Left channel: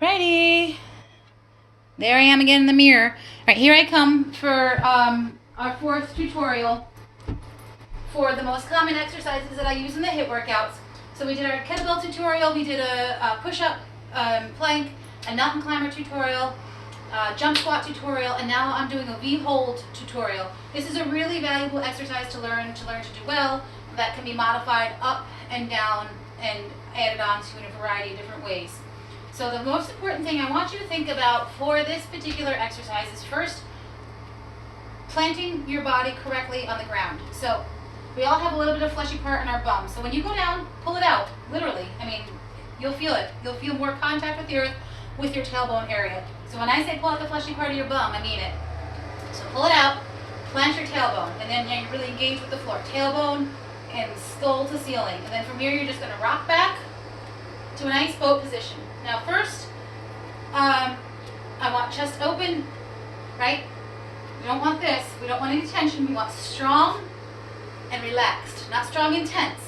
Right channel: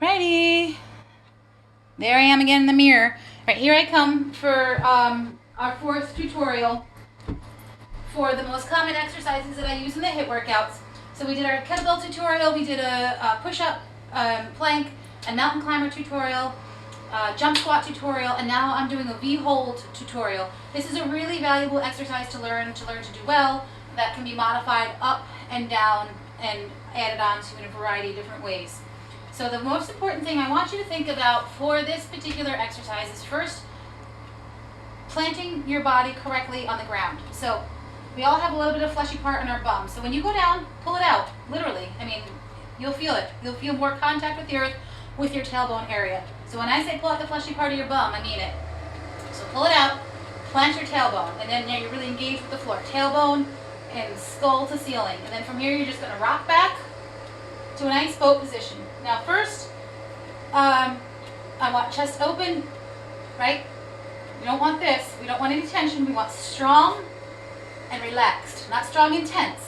Ready. There I am again in the mirror. Right, here I come for our fourth tutorial for the most common exercises that I use in the HIIT workouts. So we did our kettlebell tutorial, we did a push-up, plank, a mountain climber tutorial, jump squat tutorial, and now I'm doing a V-hold tutorial. This is a really valuable exercise to learn to do well, that can be modified up and down and added on to in a variety of different ways. So the most important thing I want you to think about for this particular exercise is first, planting your body correctly on the ground. So we all have a little bit of fleshy part in our bum. So when you go down, pull it out, literally. I mean, you'll feel it. You'll feel more contact with the earth with your tailbone area. So when I say pull out the fleshy part of your bum, I mean it. So pull it out, plant your tailbone, and then you're really engaged with the floor. Tailbone and skull to ceiling. And then from here, you're just gonna rock back to a nice boat position. Now first, I want chest open, right? We don't want this. We don't want any tension. We want strong and relaxed, not strong and tense.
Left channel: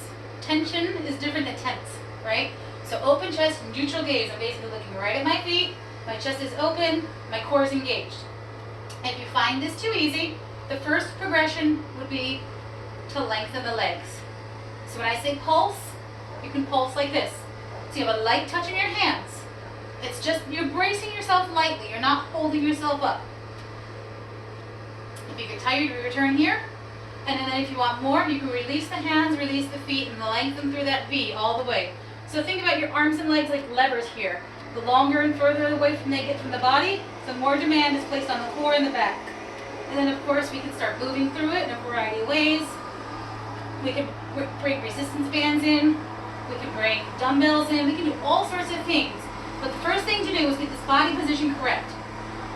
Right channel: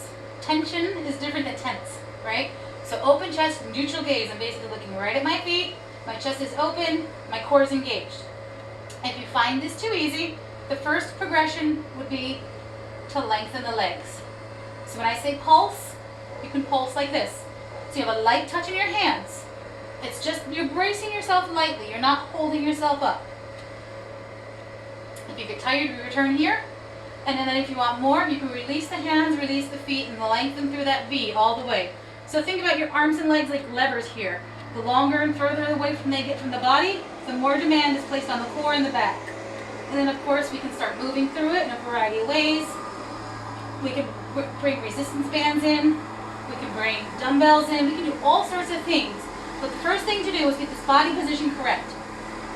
Tension is different than tense, right? So open chest, neutral gaze. I'm basically looking right at my feet. My chest is open, my core is engaged. If you find this too easy, the first progression would be to lengthen the legs. So when I say pulse, you can pulse like this. So you have a light touch in your hands. It's just, you're bracing yourself lightly. You're not holding yourself up. If you get tired, you return here. And then if you want more, you can release the hands, release the feet, and lengthen through that V all the way. So think about your arms and legs like levers here. The longer and further away from they get from the body, the more demand is placed on the core and the back. And then of course we can start moving through it in a variety of ways. We can bring resistance bands in. We can bring dumbbells in. We can do all sorts of things. But the first thing to do is get this body position correct,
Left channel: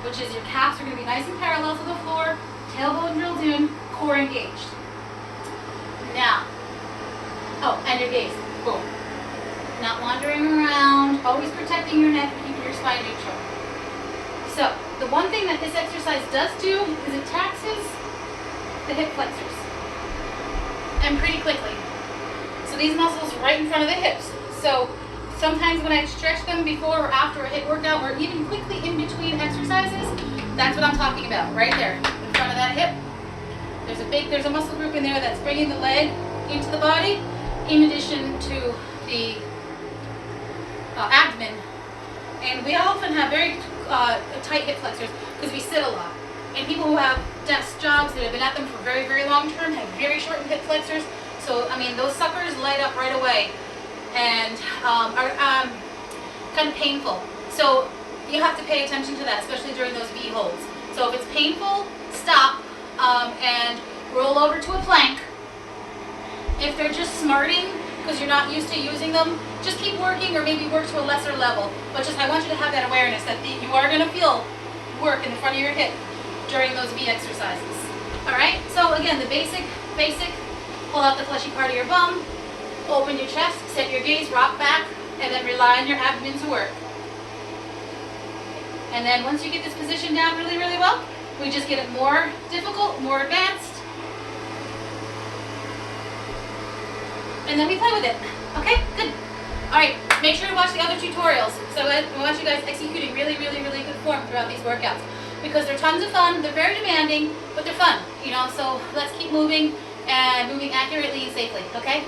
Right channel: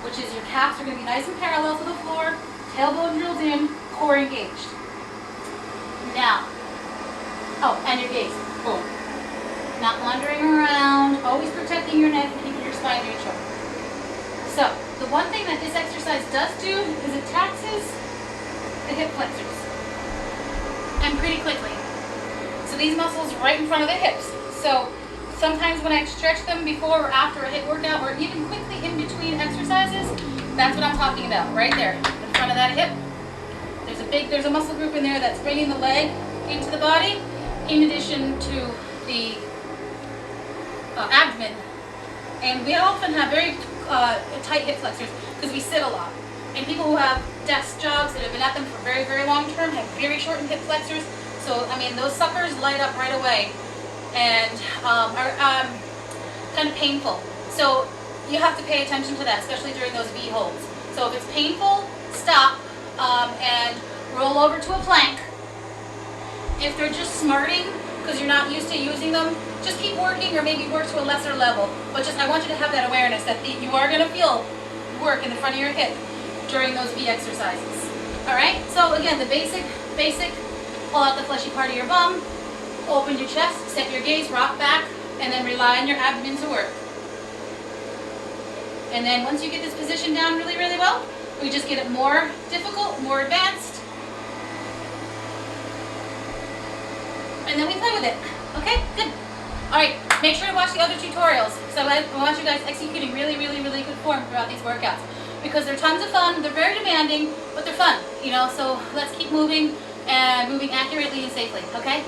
which is your calves are going to be nice and parallel to the floor, tailbone drilled in, core engaged. Now, oh, and your gaze. Boom. Not wandering around, always protecting your neck and keeping your spine neutral. So, the one thing that this exercise does do is it taxes the hip flexors. And pretty quickly. So these muscles are right in front of the hips. So sometimes when I stretch them before or after a HIIT workout, or even quickly in between exercises, that's what I'm talking about, right there, in front of that hip. There's a muscle group in there that's bringing the leg into the body, in addition to the abdomen. And we often have very tight hip flexors because we sit a lot. And people who have desk jobs that have been at them for very, very long term have very shortened hip flexors. So, I mean, those suckers light up right away and are kind of painful. So you have to pay attention to that, especially during those V holds. So if it's painful, stop and roll over to a plank. If they're just smarting because you're not used to using them, just keep working or maybe work to a lesser level. But just I want you to have that awareness that you are going to feel work in the front of your hip during those V exercises. All right, so again, the basic, pull out the fleshy part of your bum, open your chest, set your gaze, rock back, and then rely on your abdomen to work. And then once you get this position down really, really well, we just get it more difficult, more advanced. And then we play with it. Okay, good. All right, make sure to watch the other tutorials. So I want you guys executing really, really, really good form throughout these workouts. Because they're tons of fun, they're very demanding, but they're fun, you know, so let's keep moving and moving accurately and safely, okay?